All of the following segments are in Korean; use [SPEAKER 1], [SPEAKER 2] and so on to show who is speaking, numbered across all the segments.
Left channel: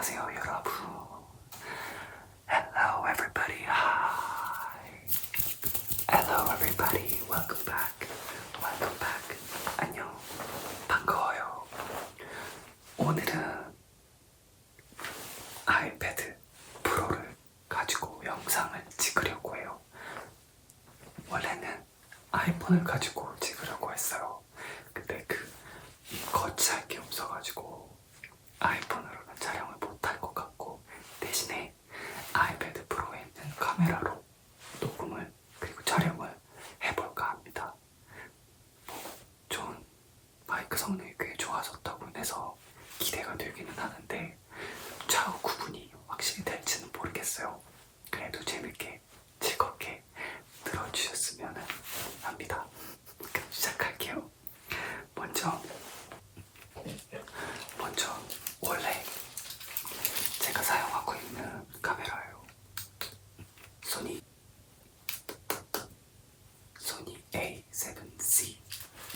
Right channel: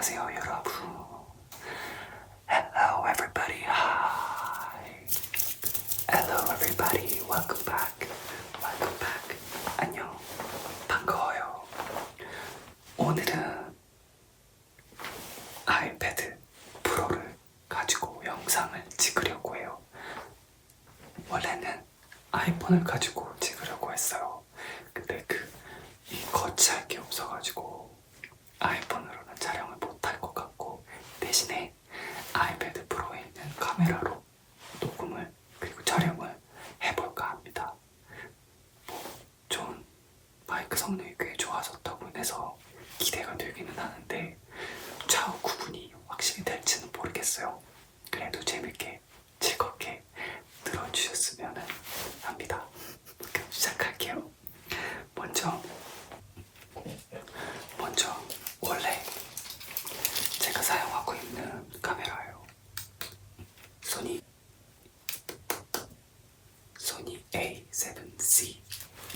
[SPEAKER 1] 안녕하세요 여러분.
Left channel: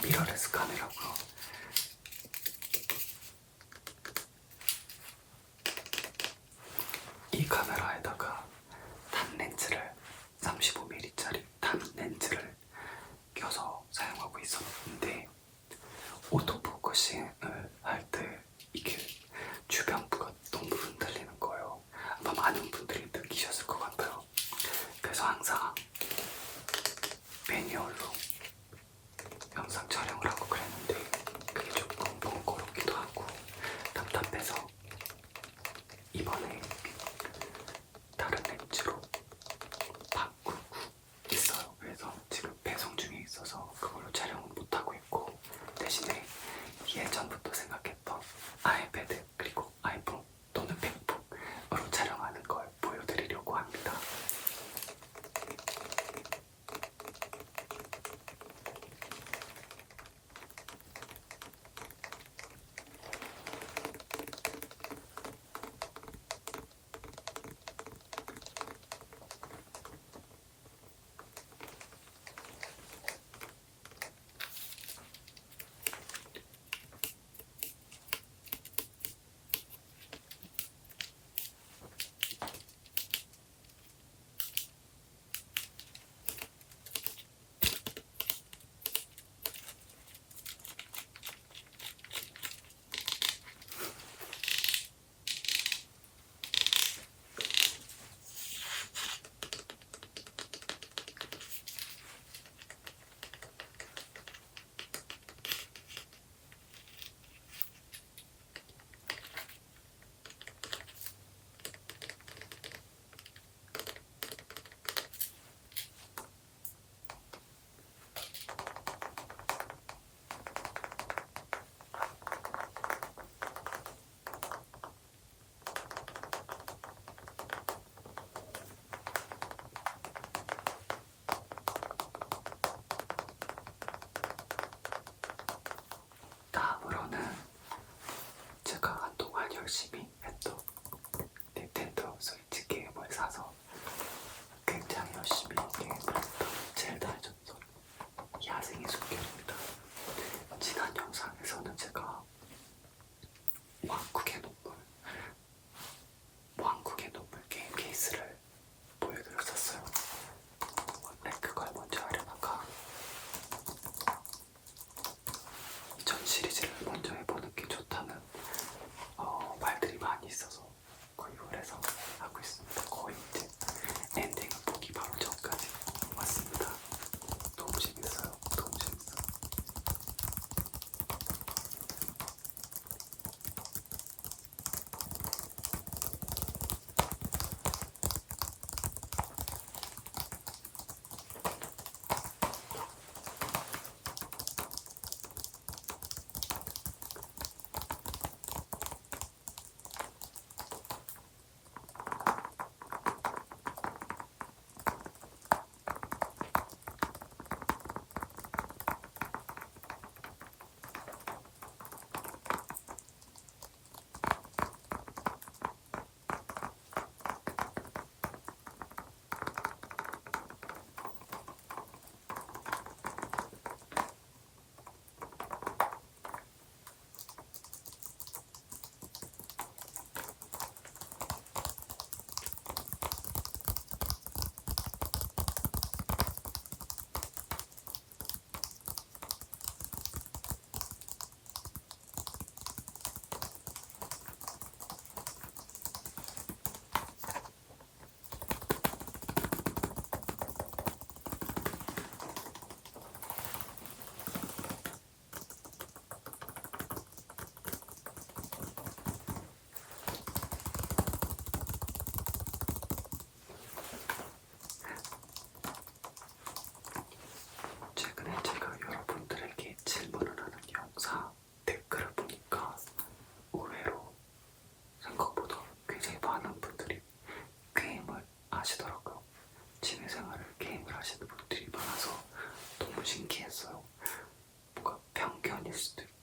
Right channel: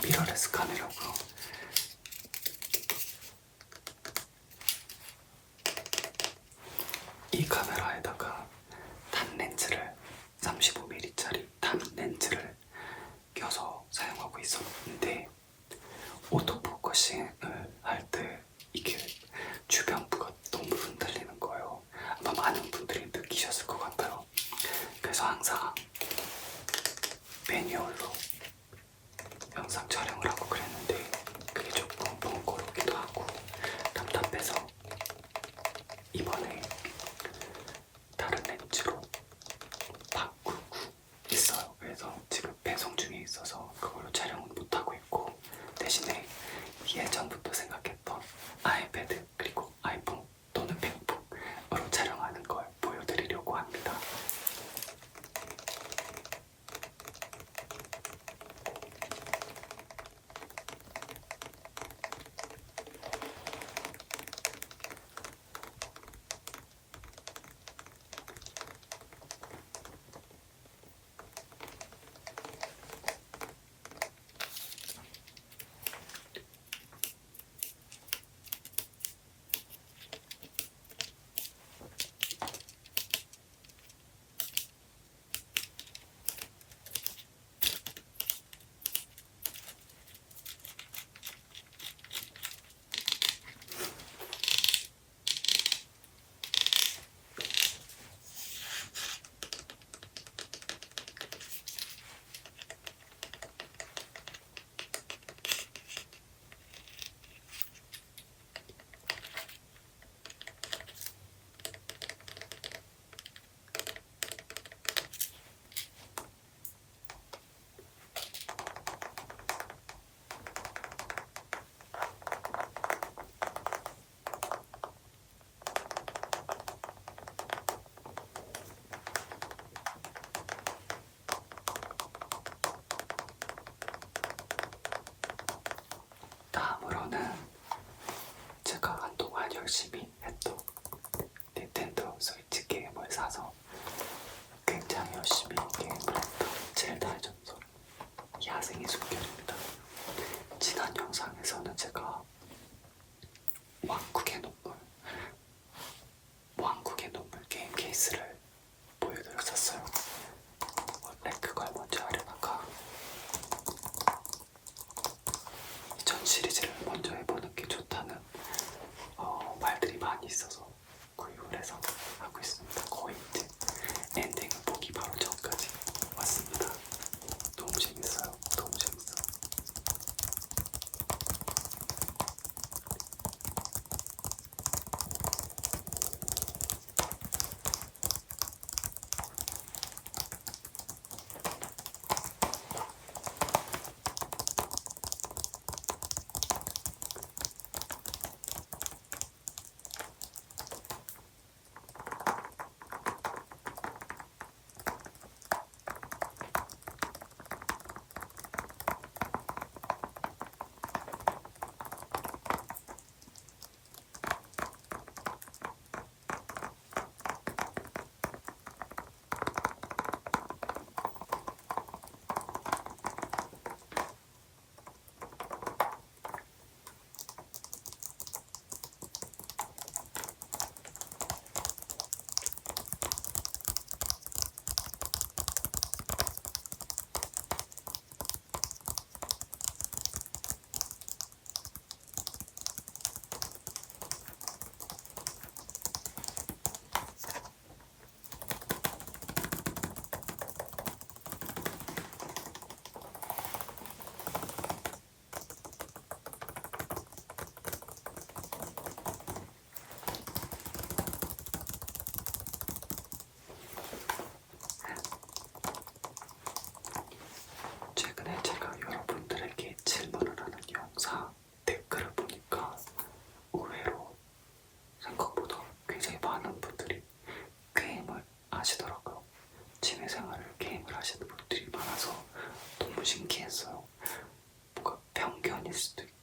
[SPEAKER 1] ミラーレスカメラを university. 신기했어요. 뭔가 편견일 수도 있고.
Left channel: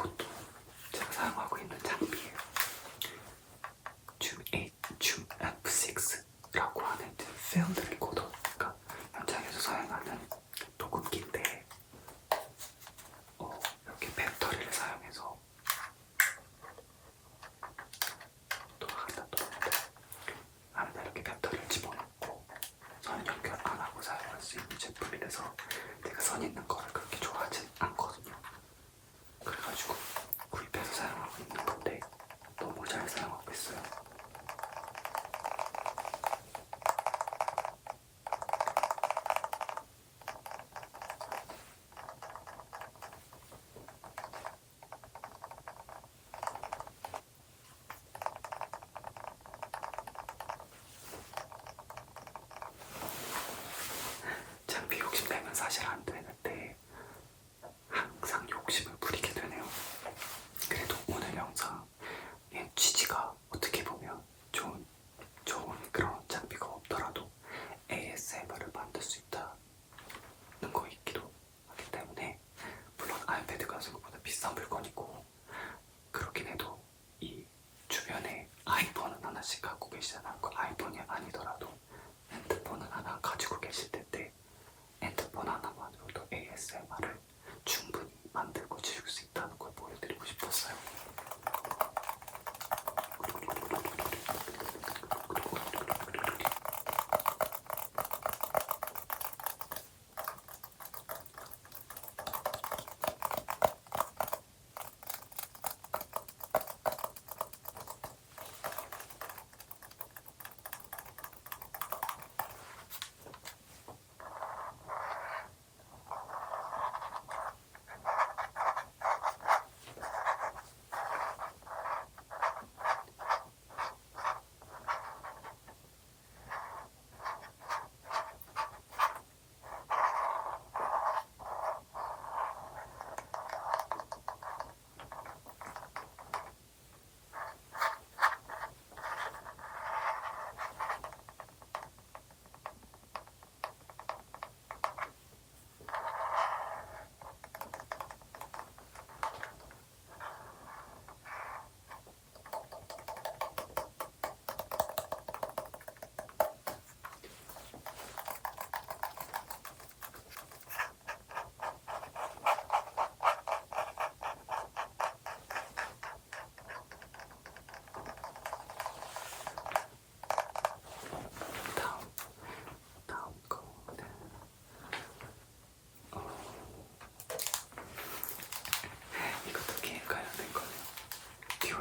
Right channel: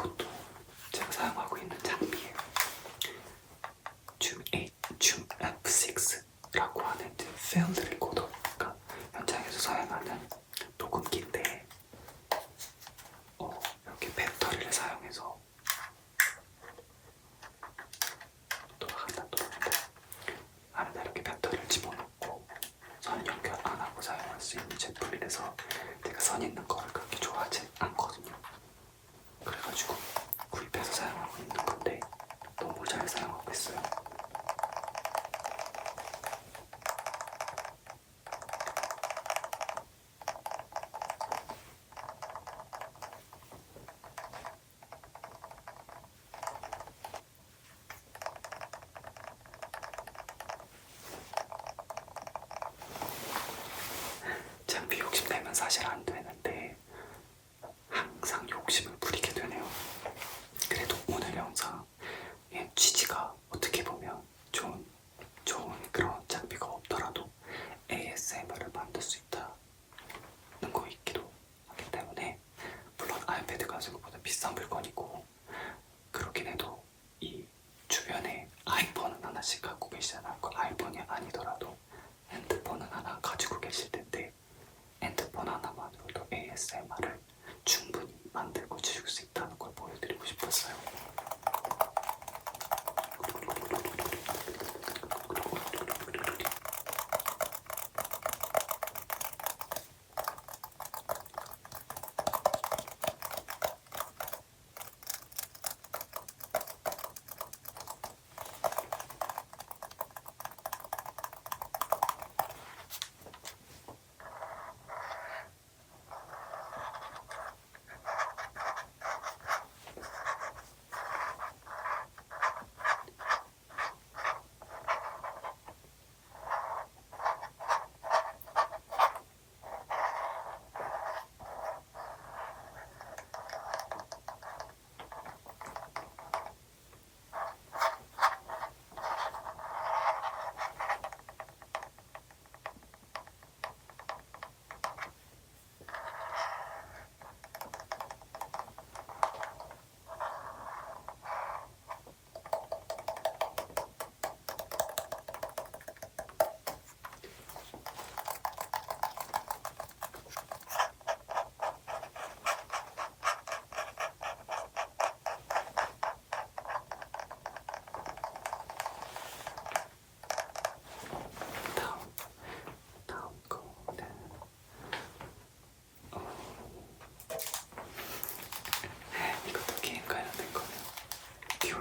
[SPEAKER 1] 이것도 제가 사용하고 있는 장비예요. 줌8, 줌 F6라고 하는 그 필드를 비싼 물건이고 그렇긴 해도 이 주변에 아이폰은 하나씩 갖고 계시잖아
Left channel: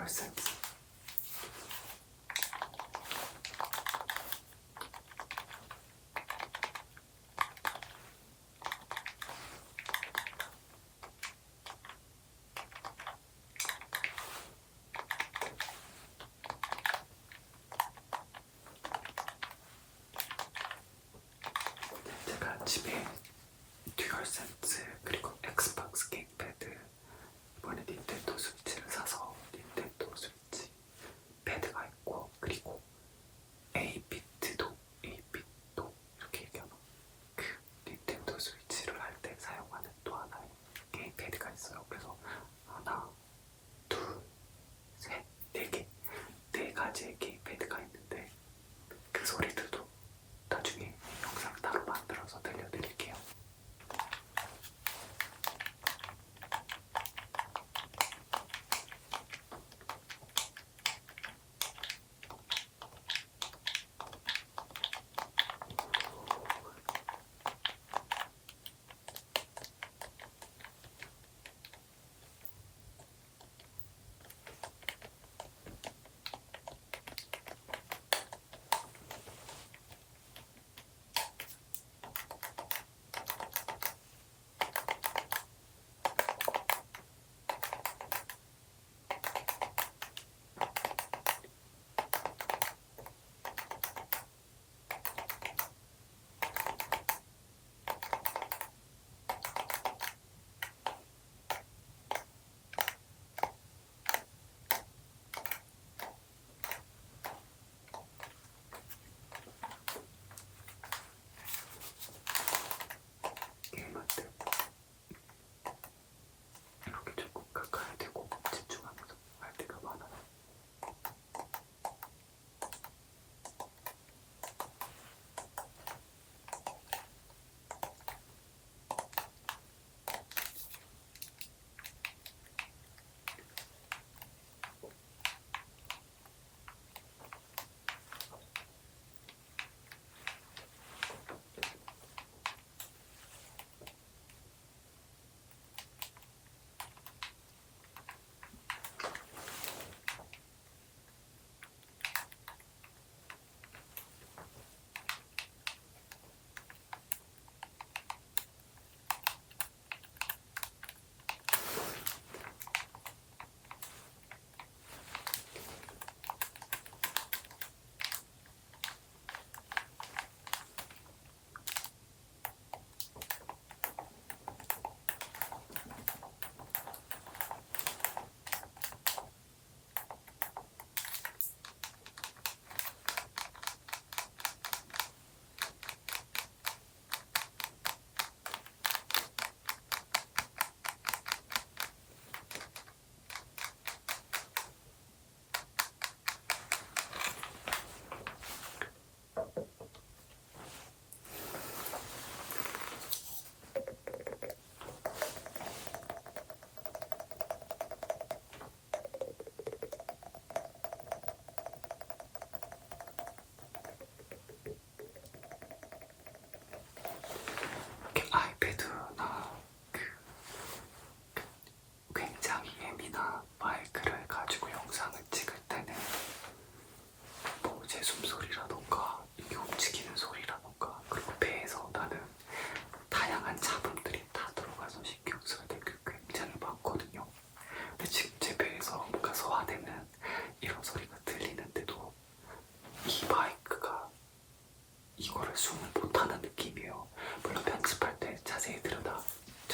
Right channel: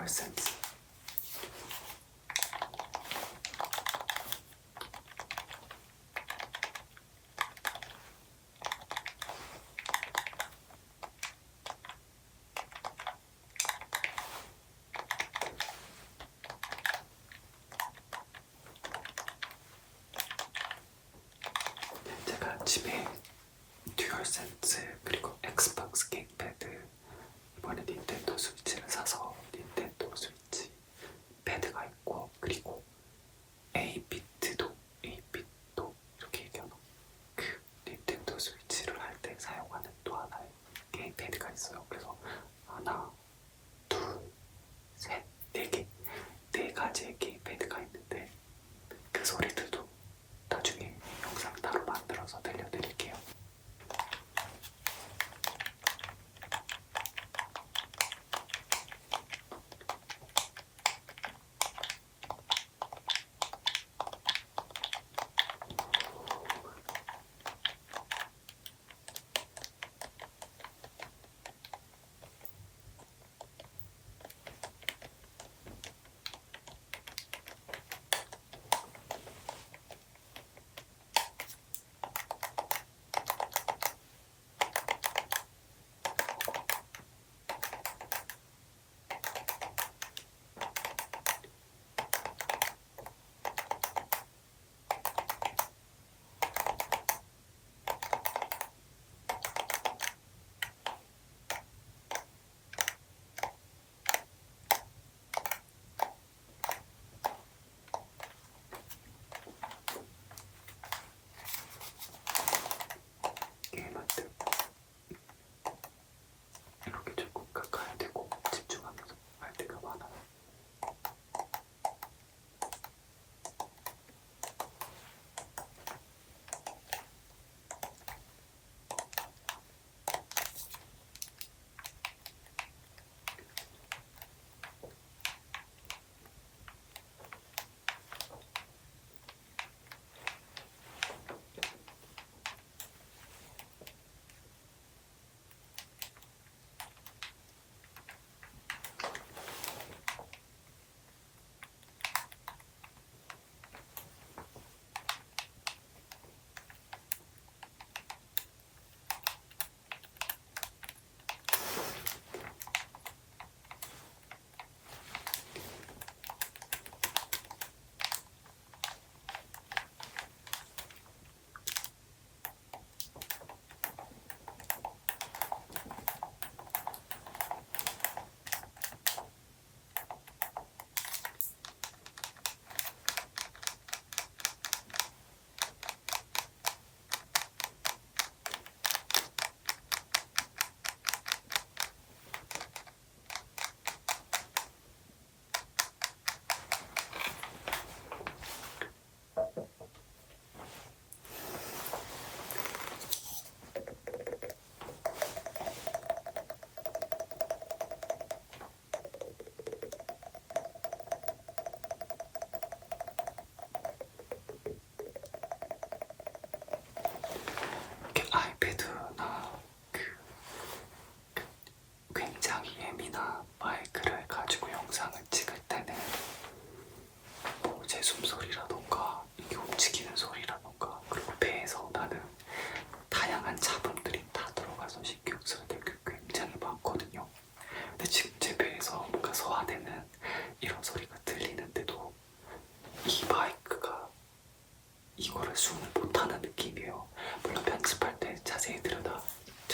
[SPEAKER 1] pausa.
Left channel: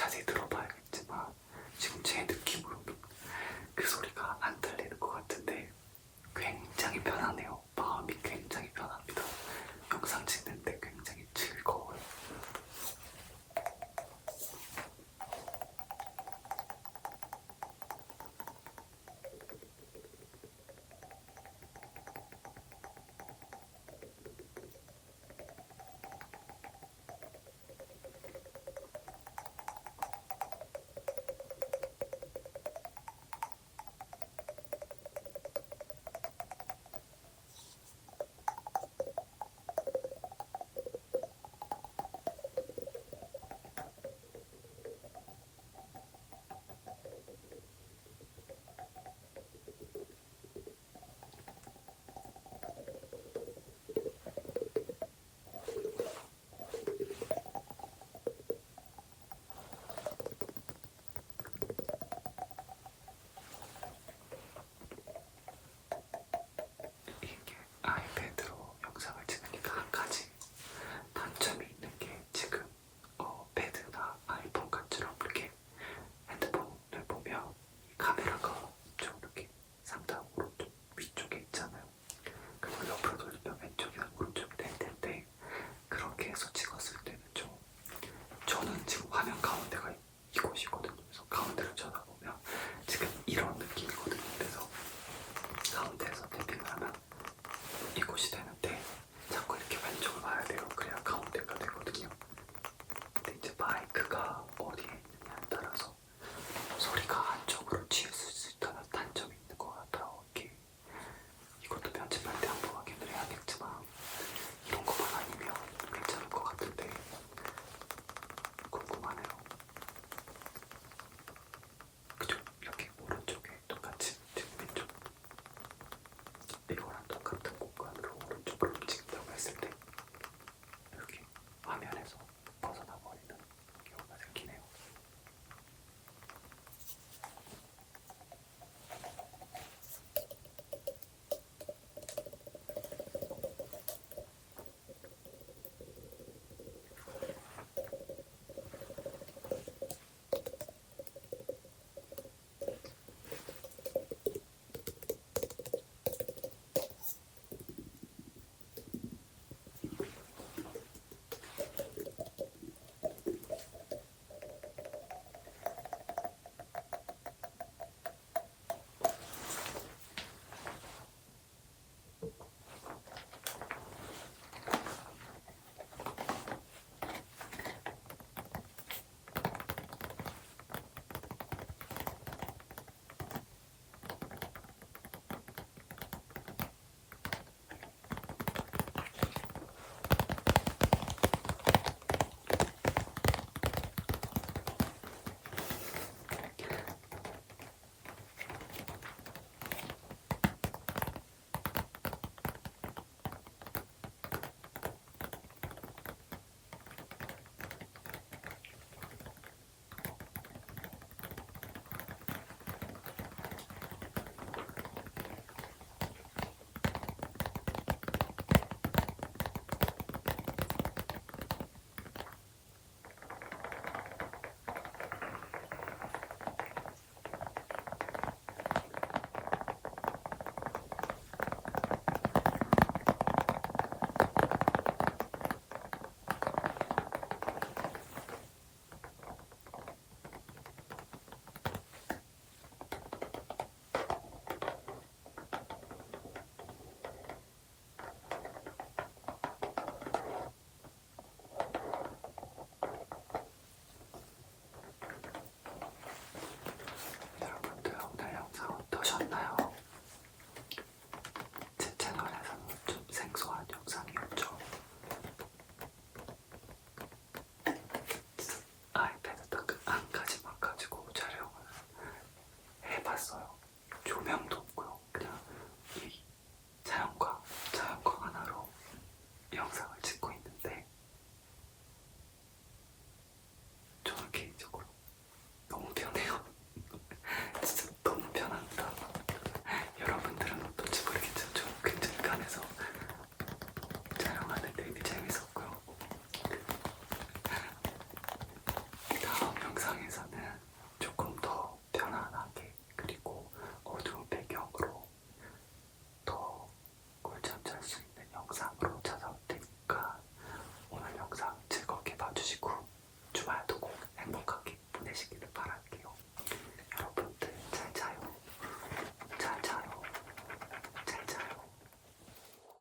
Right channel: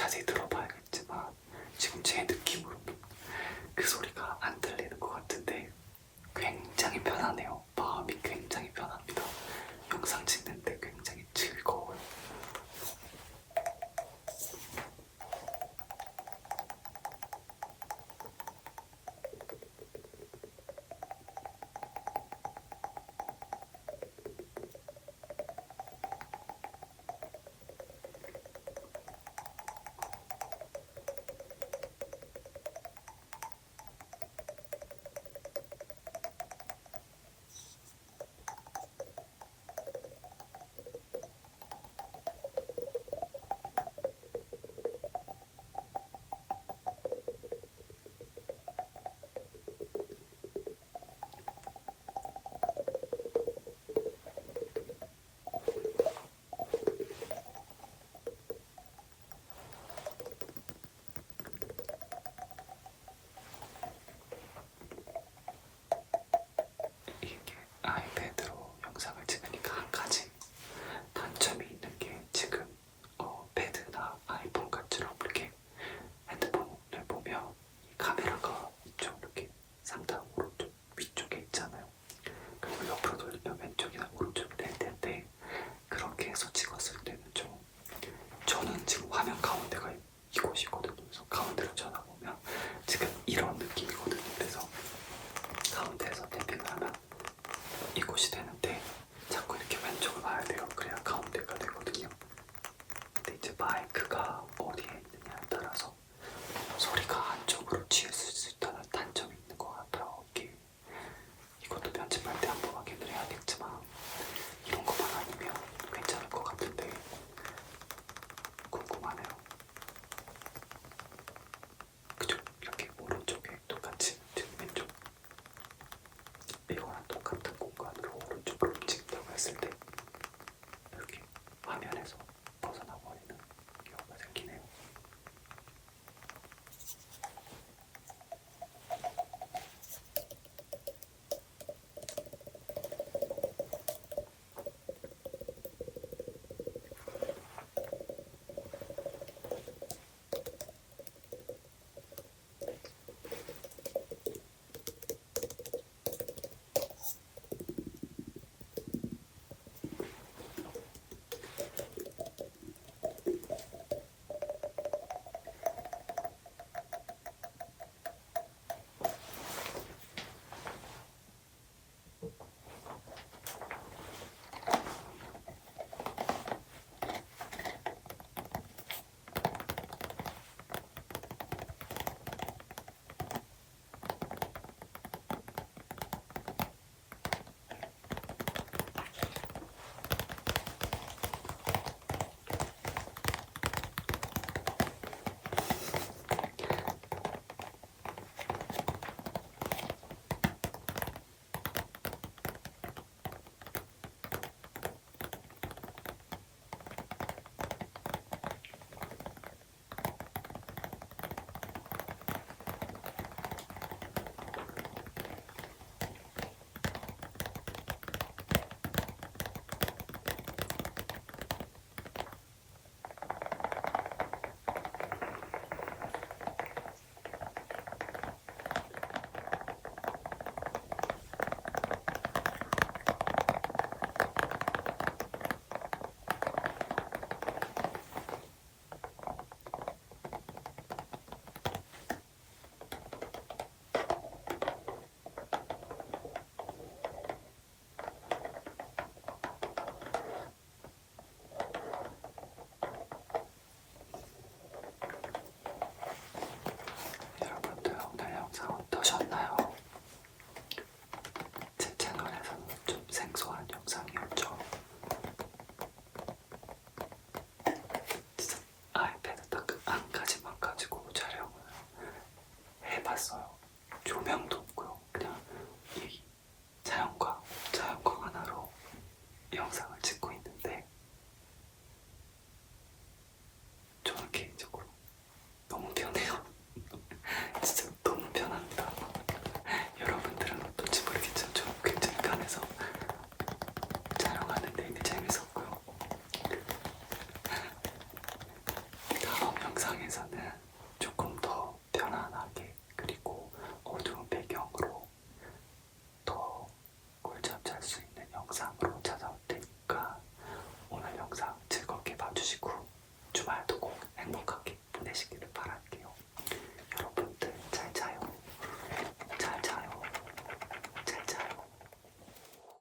[SPEAKER 1] 자세히 들어.